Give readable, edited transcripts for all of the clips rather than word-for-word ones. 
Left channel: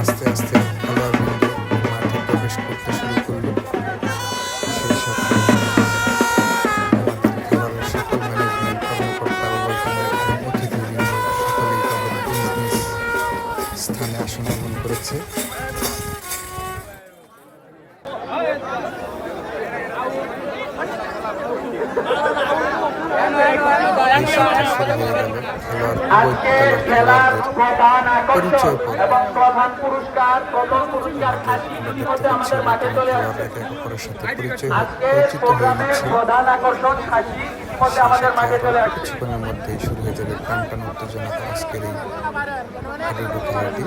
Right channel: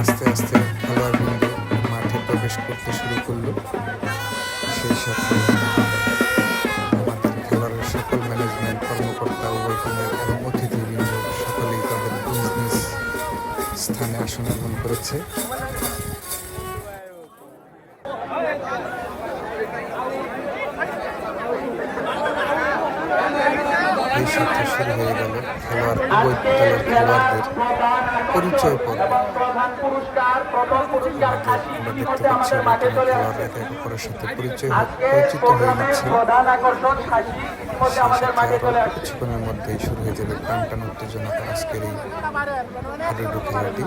আস্তে আস্তে খেলোয়াড়বৃন্দ মাঠে প্রবেশ করতে শুরু করলো। সেই সাথে আমাদের খেলোয়াড়ের সকল ম্যানেজমেন্ট কর্মকর্তা এবং অতিথিবৃন্দ সকলেই তাদের নিজ নিজ স্থানে আসন গ্রহণ করেছে। এই সাথে শুরু হয়ে গেল খেলোয়াড় উভয় দলের খেলোয়াড়দের পরিচয় পর্ব। আমরা দেখতে পাচ্ছি খেলোয়াড়রা একে অপরের সাথে পরিচিত হয়ে নিচ্ছে। কিছুক্ষণের মধ্যেই শুরু হয়ে যাবে টান টান উত্তেজনাকর আজকের এই হাডুডু খেলাটি।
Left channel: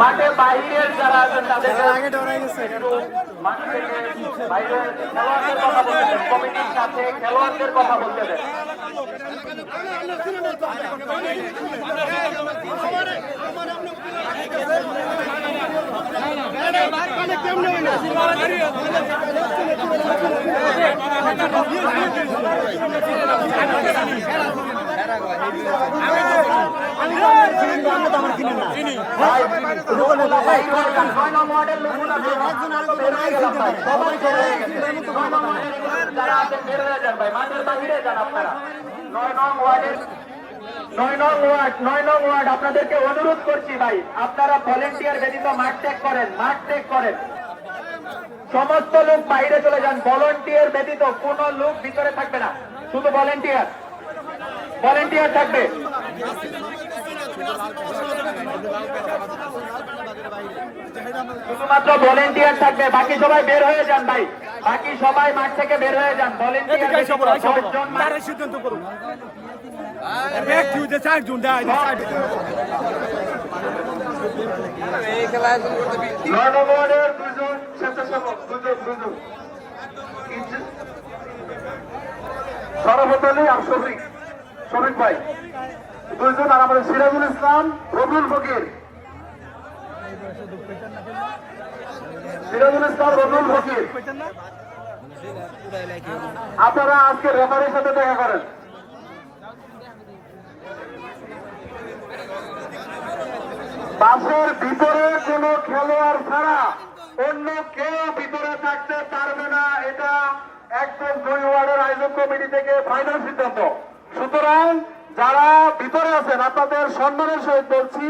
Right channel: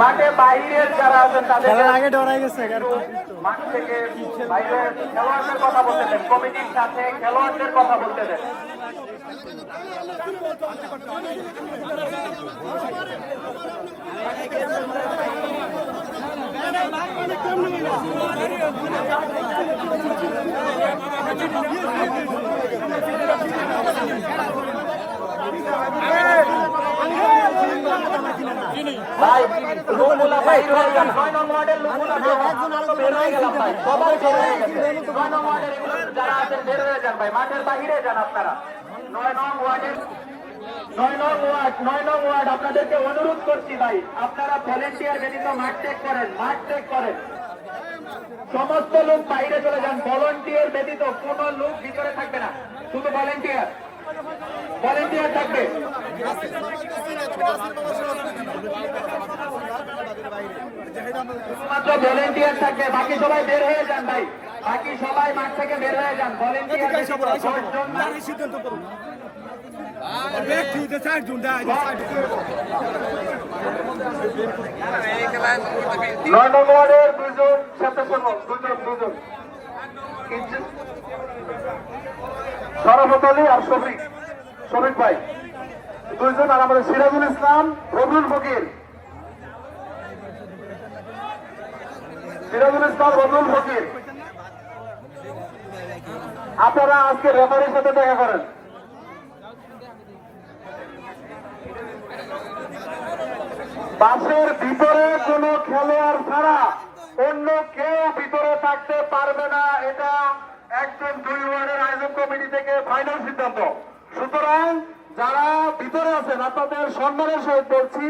মাঠে বাইরের যারা আছেন তাদেরকে মাঠ থেকে বাইরের খেলোয়াড়দের কথা বলতে দেন, কমিটির সাথে খেলোয়াড়দের কথা বলতে দেন। মাঠের বাহিরে যান আপনারা। 9 নং ওয়ার্ড আপনাদেরকে অনুরোধ করছি ভাই, আপনারা ভলেন্টিয়ার ব্যতীত মাঠ ত্যাগ করেন। সমস্ত লোক বাইরে চলে যান। ভলেন্টিয়ার ব্যতীত কোন লোক ভিতরে থাকবে না, শুধু ভলেন্টিয়ার থাকবে। শুধুমাত্র ভলেন্টিয়ার থাকবে, বাকি সবাই বের হয়ে যান ভাই, বাকি সবাই মাঠ থেকে বের হয়ে যান। ভলেন্টিয়ার সিদ্ধান্ত করুন। সরফত আর শফিক ভাই দুইজন, আর আমাদের সিরাজুল ইসলাম, রবুল ফকির। আপনারা আজকে রেফারির সাথে দেখা করেন। বাসের ভিতরে কোন খেলোয়াড় ছাড়া অন্য কেউ ভিতরে থাকতে পারবে না, এটা একদম 2 ওয়ার্ডের আয়োজন কমিটি থেকে ফাইনাল সিদ্ধান্ত। সুতরাং যারা ভিতরে আছেন আপনাদের সম্মানের সহিত বলছি,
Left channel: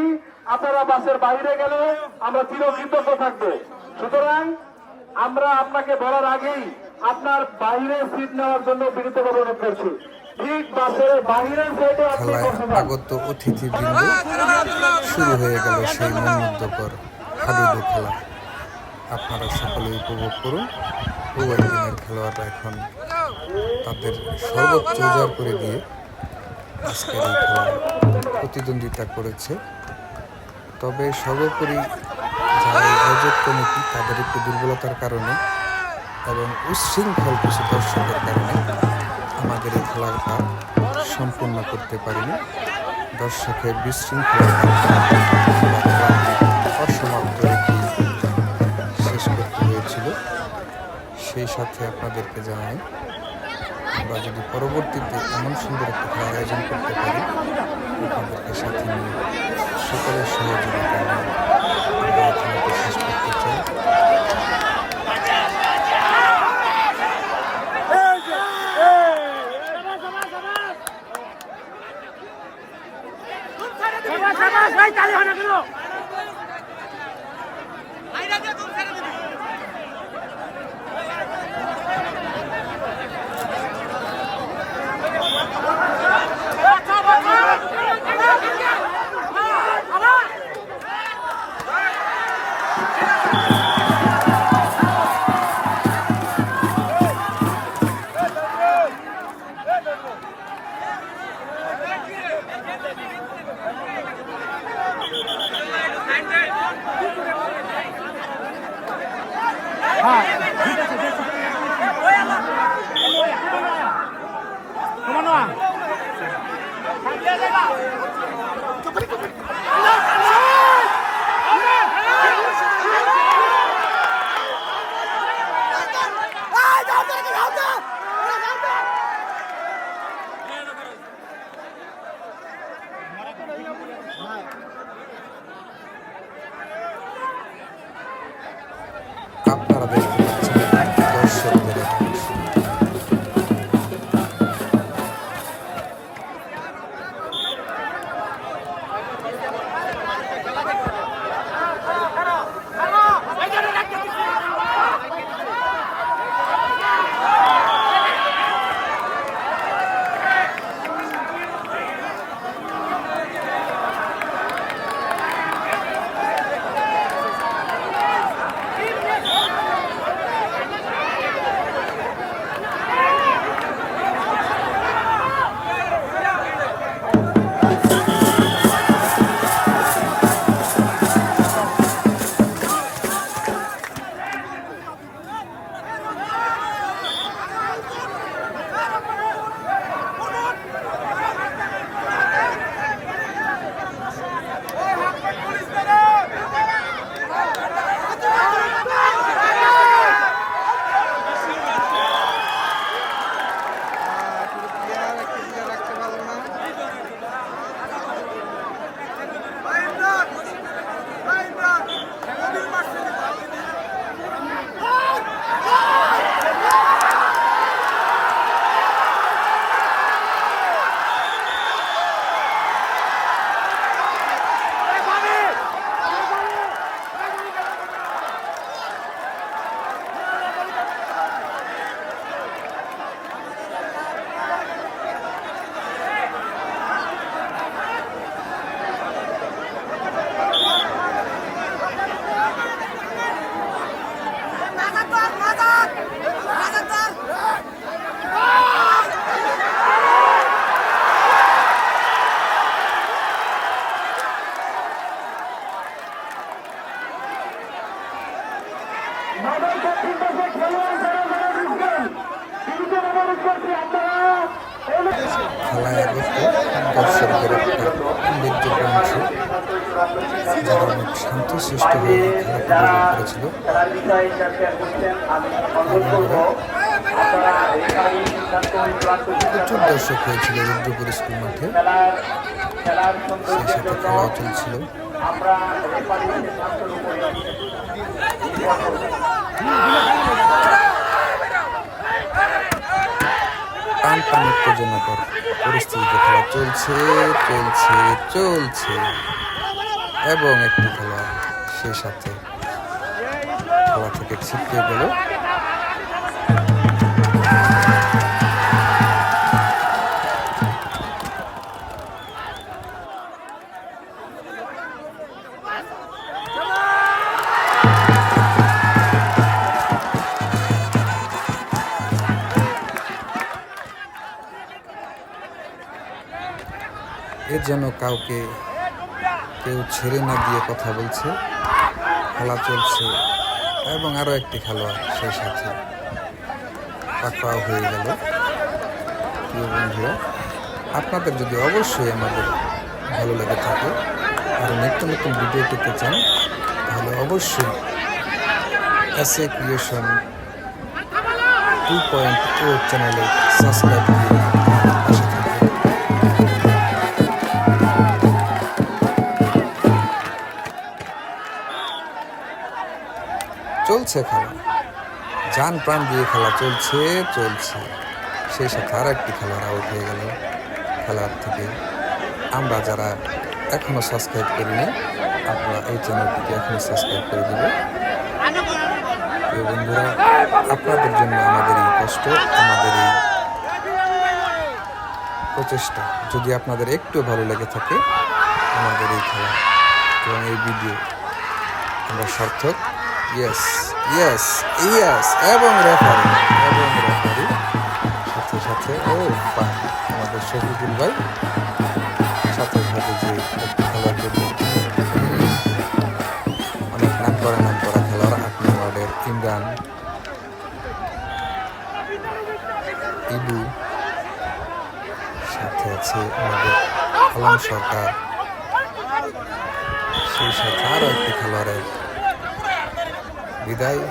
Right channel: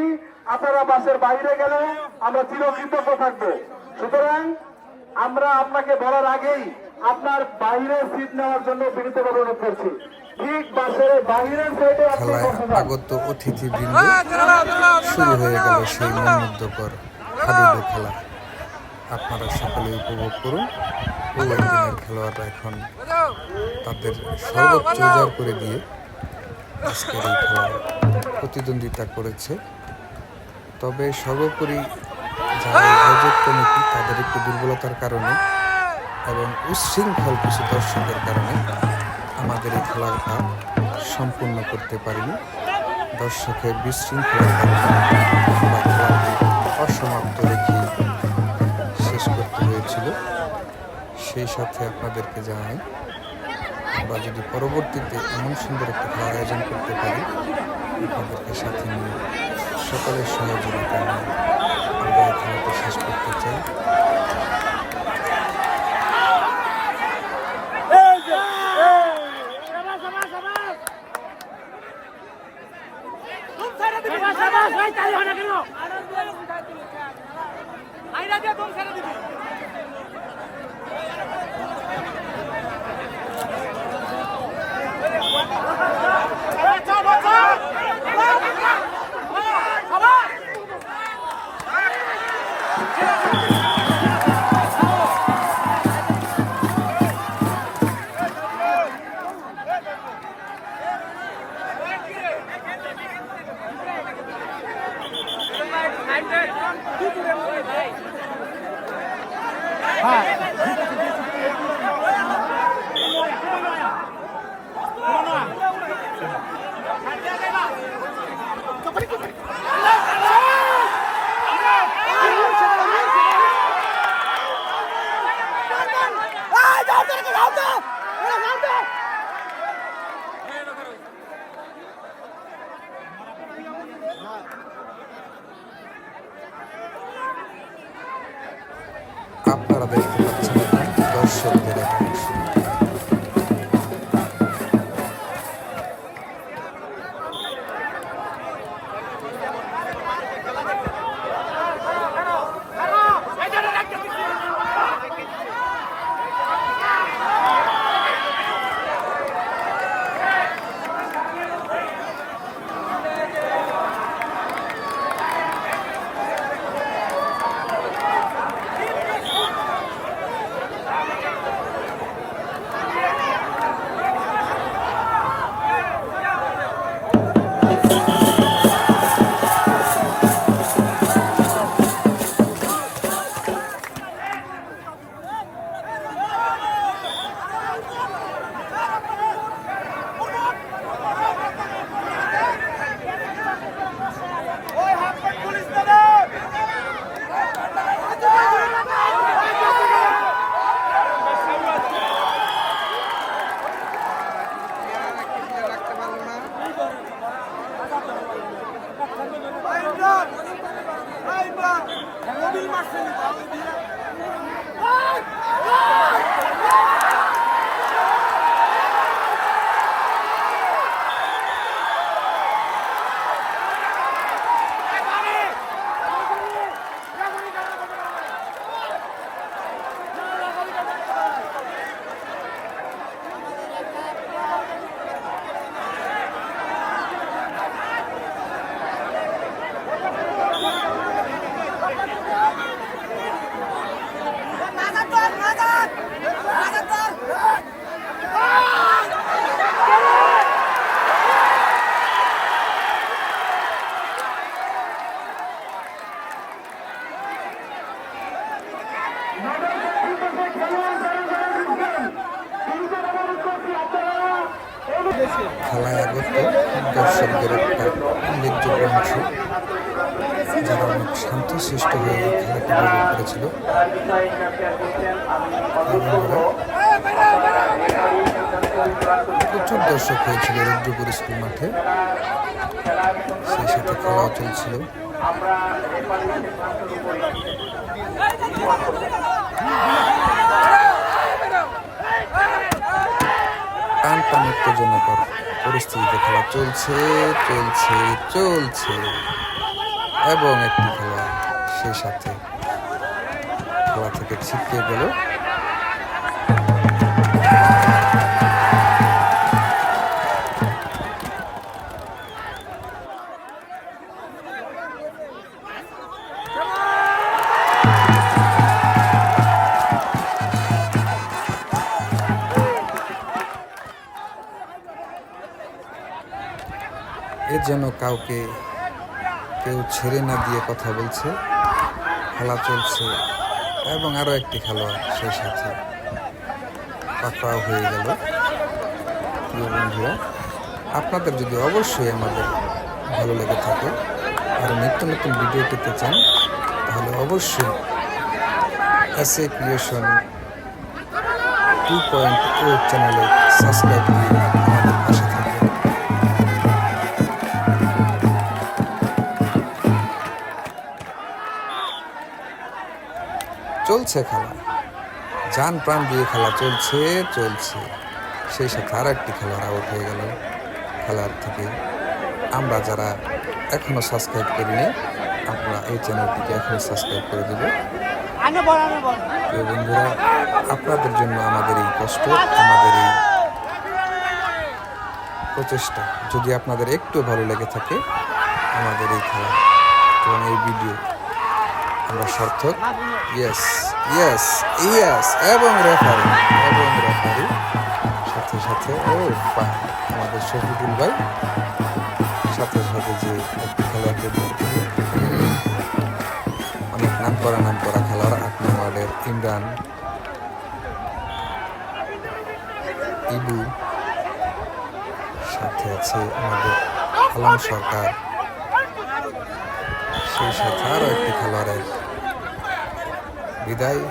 আপনারা বাসের বাইরে গেলে আমরা চিরকৃতজ্ঞ থাকবো। সুতরাং আমরা আপনাকে বলার আগেই আপনার বাইরে সিট নেওয়ার জন্য বিনীতভাবে অনুরোধ করছি। ঠিক বাসের বাইরের সাইডে আগত অতিথিবৃন্দ শুরু হয়ে গেল সেই মনোমুগ্ধকর হাডুডু খেলা। আপনারা সকলে উপভোগ করুন। উভয় টিমের খেলোয়াড়রা এখন তাদের সর্বোচ্চ উজাড় করে দিয়ে আজকের এই খেলায় প্রতিদ্বন্দ্বিতা করেছে। তবে সর্বোপরি যারা এই আয়োজক কমিটি তাদের একটু দুর্বলতার কারণে এবং উচ্ছৃঙ্খল কিছু দর্শকের কারণে আমাদের এই খেলাটা সম্পূর্ণ করতে পারিনি। দর্শকের বিশৃঙ্খলার কারণে আমরা খেলাটি অসমাপ্ত রেখে শেষ করতে হয়েছিল। সেই সাথে আপনাদেরকে জানাই, আমরা যদি পরবর্তীতে এমন সুন্দর একটা খেলার আয়োজন করতে পারি, আপনাদেরকে সাথে নিয়ে সকলের সহযোগিতা নিয়ে আমরা এই খেলাটি শেষ করতে চাই। আপনারা দেখতে পাচ্ছেন এখন দর্শকদের একাংশ। খেলায় আগত দর্শকদের একটা উল্লেখযোগ্য অংশ, যারা অনেক শান্তশিষ্ট হয়ে এই খেলাটি উপভোগ করেছিল। প্রচুর দর্শক হয়েছিল রুদ্রপুর স্কুল মাঠে, সেই সাথে খেলাও চলছিল। টান টান উত্তেজনাকর পরিস্থিতিতে খেলা চলছে চলছে চলছে এবং একটি খেলা সেই সাথে খেলা থেকে ছিটকে গেল। এর জন্য কাউকে কেউ ছেড়ে না দিয়ে কথা বলছে, খেলা চলছে এবং আরও একটি খেলোয়াড় সেই সাথে পাকড়াও হয়ে গেল। প্রিয় বন্ধুরা, আপনাদের যদি অবশ্যই আমাদের ভালো লেগে থাকে আর নিত্য নতুন ভিডিও পেতে চান তাহলে অবশ্যই এসএ ক্রিয়েশন 2.0 চ্যানেলে সাবস্ক্রাইব দিয়ে আমাদের পাশে থাকবেন। চলছে খেলা, জান প্রাণ দিয়ে খেলা চলছে। সেই সাথে আর একটি খেলোয়াড় আউট হয়ে গেল খেলার থেকে। আমরা যারা এখনো সাবস্ক্রাইব করিনি, আমরা এই চ্যানেলটিকে এখনই সাবস্ক্রাইব করে দেব। প্রিয় বন্ধুরা, আপনাদের জন্য আমাদের এই কষ্ট, আমাদের এই প্রচেষ্টা যদি আপনাদের একটু ভালো লেগে থাকে, আমাদের এই খেলা এবং এই ভিডিও আমরা সার্থক। ইয়েস ইয়েস ইয়েস এবং রেফারি সাথে সাথে আমাদের শফিকুল ভাই সাথে সাথে যে একটি খেলোয়াড়কে অনেক নাম করা খেলোয়াড় 8 নং ওয়ার্ডের ইমরান, ইবু, সাথে আছে আমাদের আলম সরকার, সেই সাথে আরও একটি খেলোয়াড়ের বিদায়।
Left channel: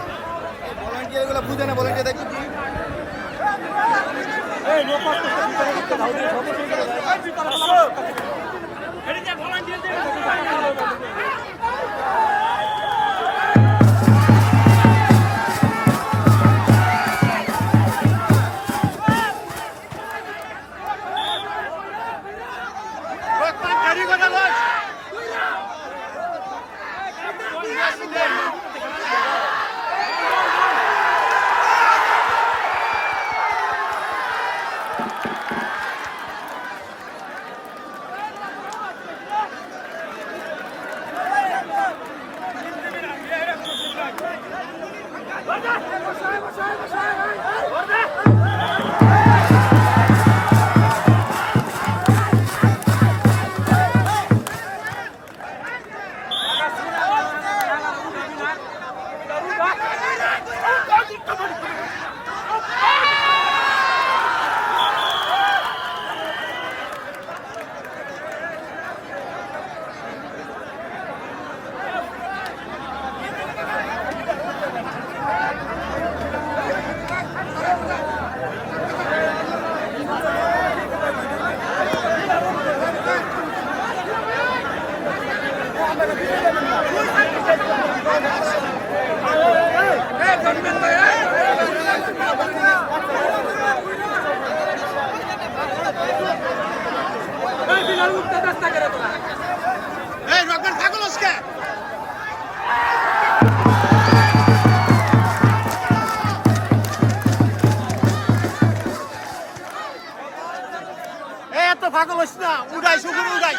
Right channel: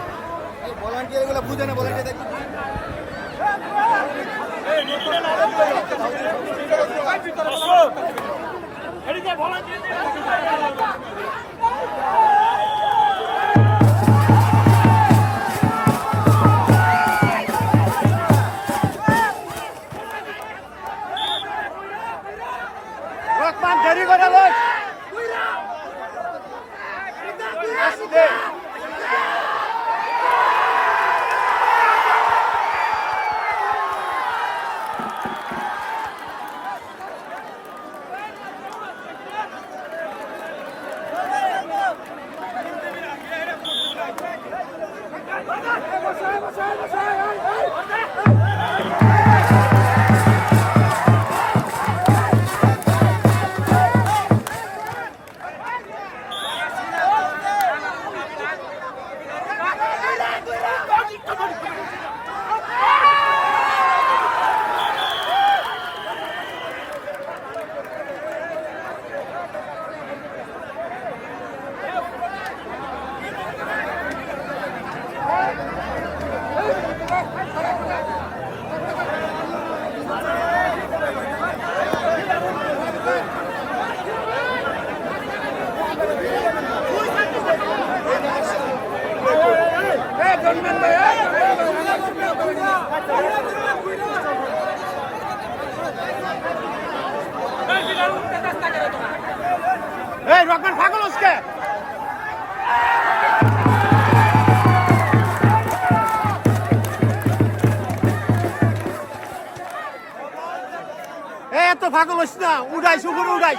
উড়াই শুকুর উড়াই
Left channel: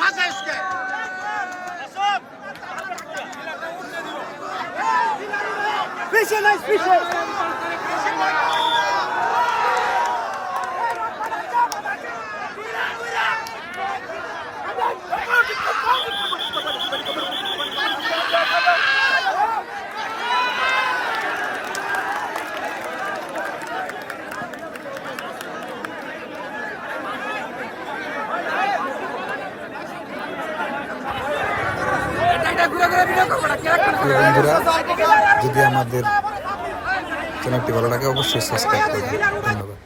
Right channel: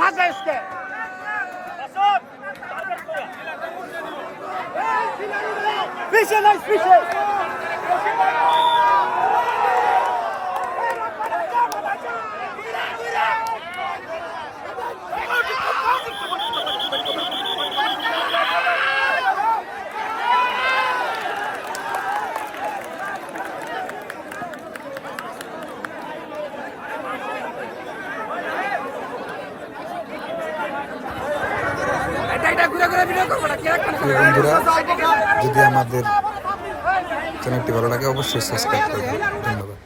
মাথা উস্কে পিছে নাই পিছে বন্ধুরা, যদি আমাদের চ্যানেলটি ভালো লাগে অবশ্যই সাবস্ক্রাইব করবেন। ধন্যবাদ।